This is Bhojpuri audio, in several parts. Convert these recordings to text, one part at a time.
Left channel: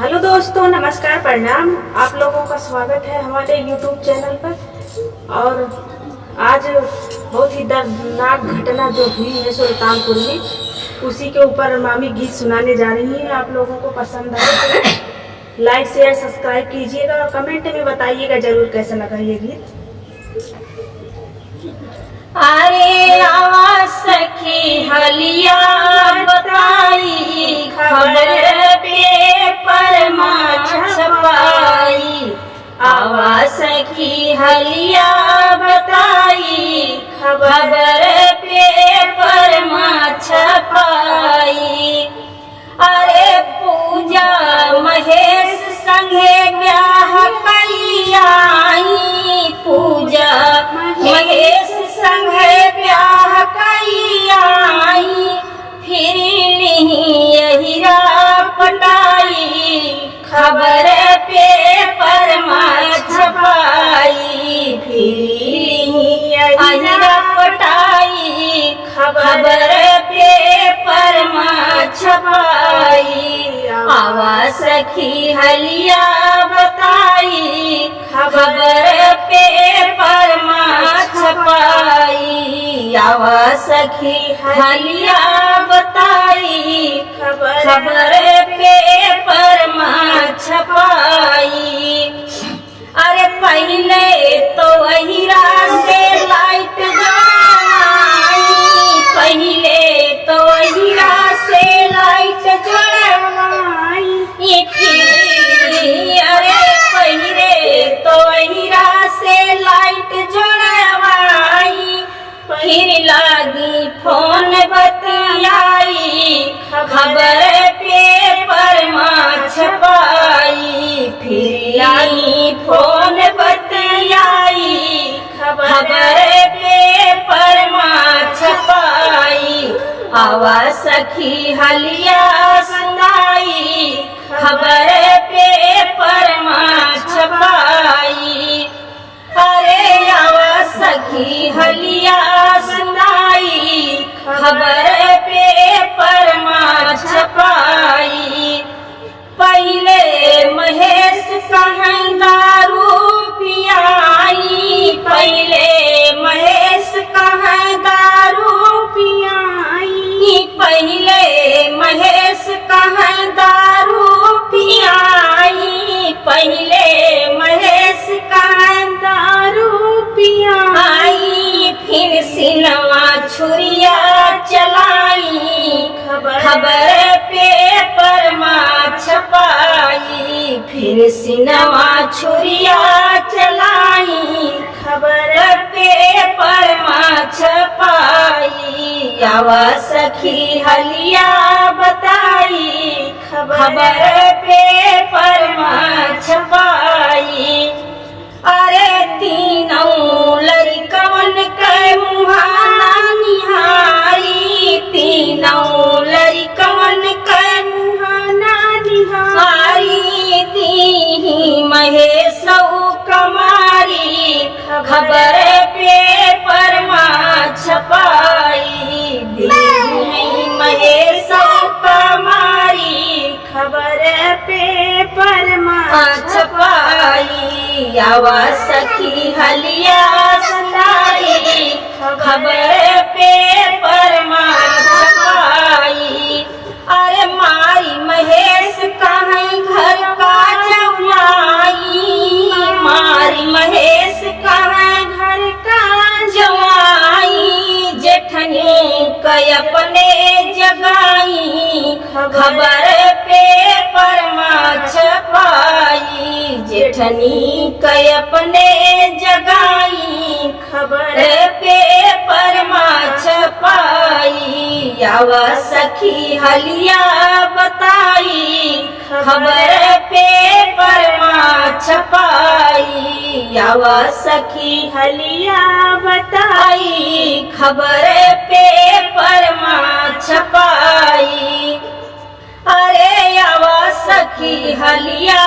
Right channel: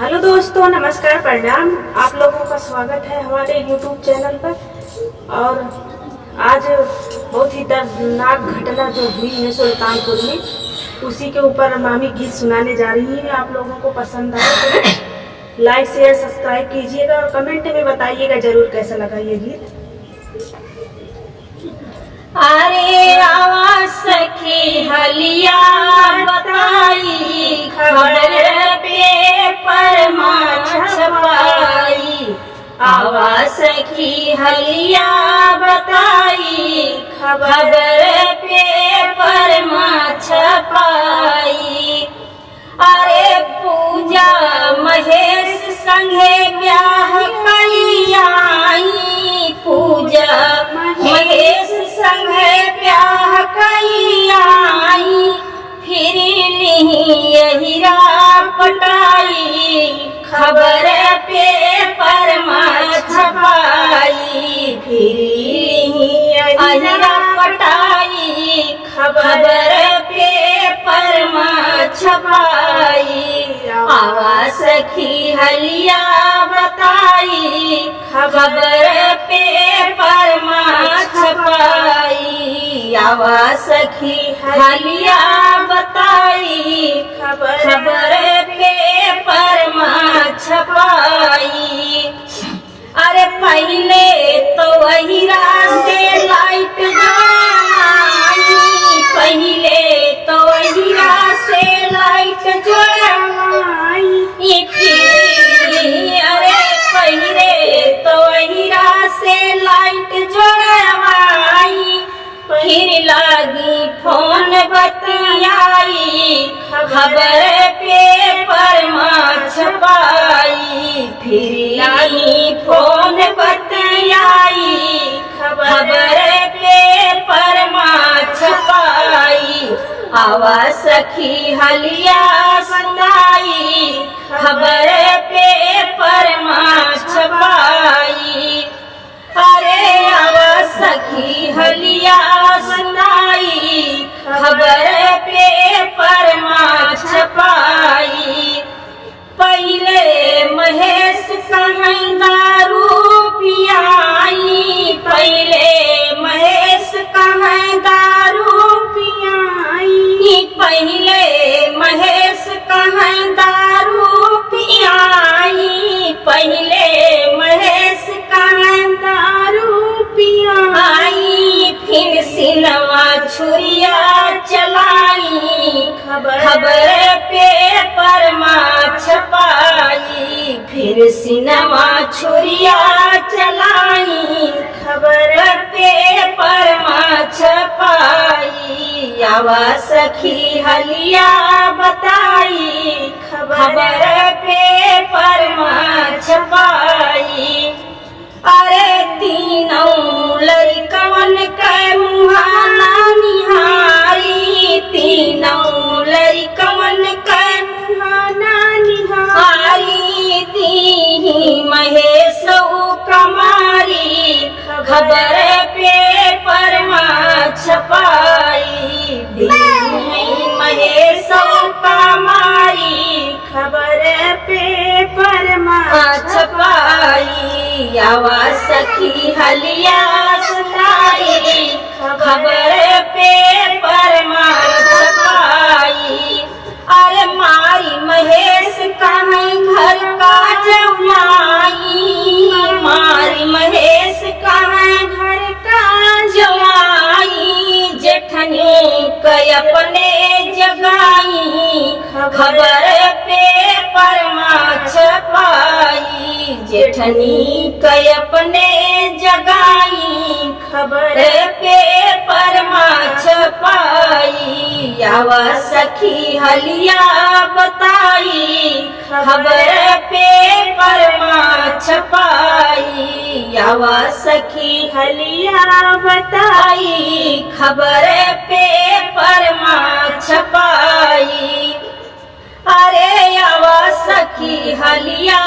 हेलो दोस्तों, नमस्कार, प्रणाम। आप लोगों का स्वागत है हमारे YouTube चैनल पर। और आज बहुत ही दर्दनाक घटना जो हुई है सुल्तानपुर में, उसी के ऊपर मामी गीत सुनाने जा रही हैं। आप लोगों को पसंद आए तो लाइक शेयर सब्सक्राइब कीजिएगा और कमेंट में बताइएगा ज़रूर कैसा लगा ये गीत। अरे आवा सखी हलिया बताई, खबर पेपर में छपाई। आवा सखी हलिया बताई, खबर पेपर में छपाई। अरे पूजा महेश संगे ब्याह कलियाई, पूजा महेश संगे ब्याह कलियाई। फिर हीरा पटाई, खबर पेपर में छपाई। फिर हीरा पटाई, खबर पेपर में छपाई। आवा सखी हलिया बताई, खबर पेपर में छपाई। आवा सखी हलिया बताई, खबर पेपर में छपाई। अरे पहले तो हीरा से लाइट जलाई, पहले तो हीरा से लाइट जलाई। अरे पहले तो हीरा से लाइट जड़वाई। फिर लागी फोन बतियाई, खबर पेपर में छपाई। फिर लागी फोन बतियाई, खबर पेपर में छपाई। आवा सखी हलिया सुनाई, खबर पेपर में छपाई। अरे आवा सखी हलिया सुनाई, खबर पेपर में छपाई। पहले महेश कहीं दारू पियाई, पहले महेश कहीं दारू पियाई। पहले महेश कहीं दारू पियाई, पहले महेश कहीं दारू पियाई। फिर सिनवा छुरिया चलाई, खबर पेपर में छपाई। फिर सिनवा छुरिया चलाई, खबर पेपर में छपाई। आवा सखी हलिया बताई, खबर पेपर में छपाई। अरे तीनों लड़कवन के मुहाना निहारी, तीनों लड़कवन के मुहाना निहारी। दी महेश कमारी, खबर पेपर में छपाई। दी महेश कमारी, खबर पेपर में छपाई। आवा सखी हलिया सुनाई, खबर पेपर में छपाई। अरे मारी महेश कहीं घर का जमाई, मारी महेश कहीं घर का जमाई। जेठनी कई अपने जगाई, खबर पेपर में छपाई। जेठनी कई अपने जगाई, खबर पेपर में छपाई। आवा सखी हलिया बताई, खबर पेपर में छपाई। आवा सखी हलिया बताई, खबर पेपर में छपाई। अरे आवा सखी हलिया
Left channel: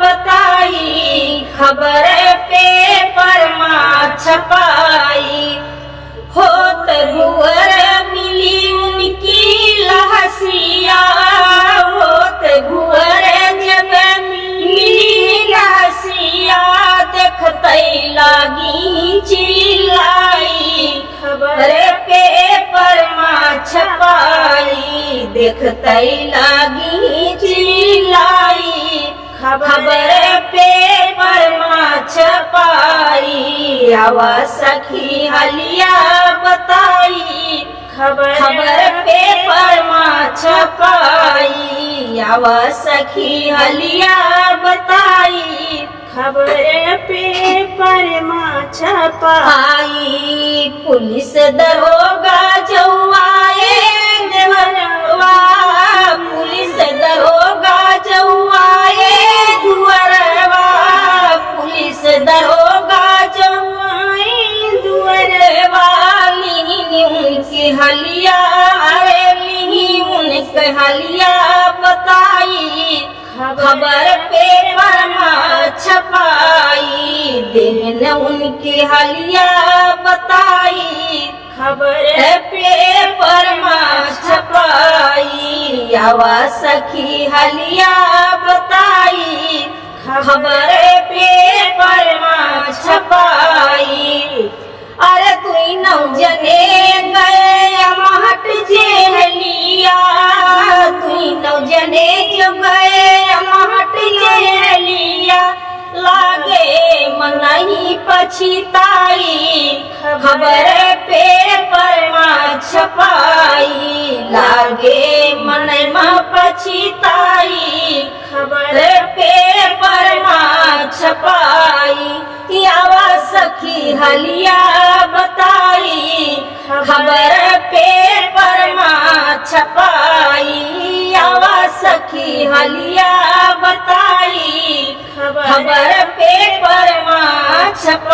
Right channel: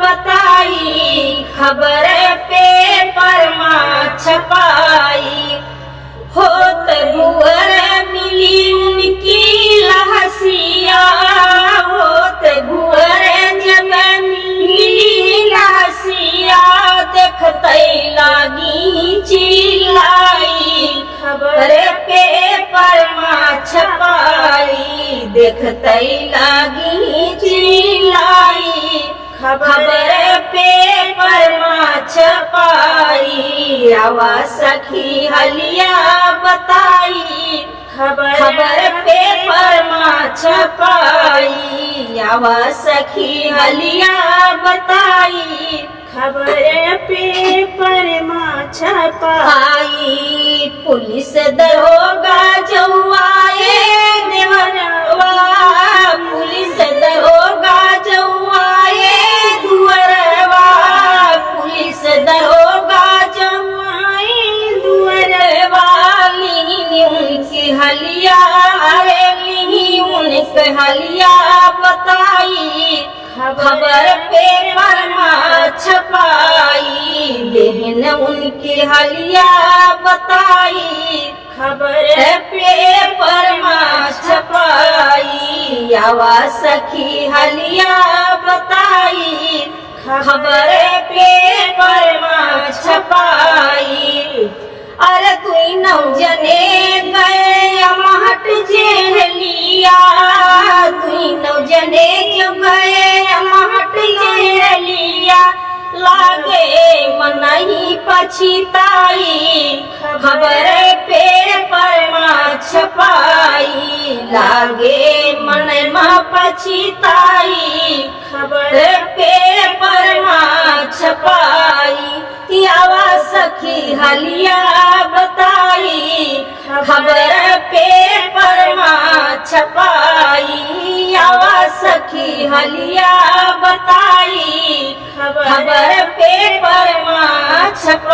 बताई, खबर पेपर में छपाई। होत भुअर मिली उनकी लहसिया, होत भुअर जब चिल्लाई खबर पेपर में छपाई देखते लागी चिल्लाई खबर पेपर में छपाई आवा सखी हलिया बताई खबर पेपर में छपाई आवा सखी हलिया बताई खबर पेपर में छपाई पुलिस दरोगा जौआए देवरवा पुलिस दरोगा जौआए दुअरवा पुलिस दरोगा जौआए दुअरवा लीनी उनकी हलिया ली उनके हलिया बताई खबर पेपर में छपाई देहन उनकी हलिया बताई खबर पेपर में छपाई आवा सखी हलिया बताई खबर पेपर में छपाई अरे तुई नौ जने गए महट जेहलिया तुई नौ जने जो गए महट जेहलिया लागे मनही पछिताई खबर पेपर में छपाई लागे मन में पछिताई खबर पेपर में छपाई आवा सखी हलिया बताई खबर पेपर में छपाई आवा सखी हलिया बताई खबर पेपर में छपाई।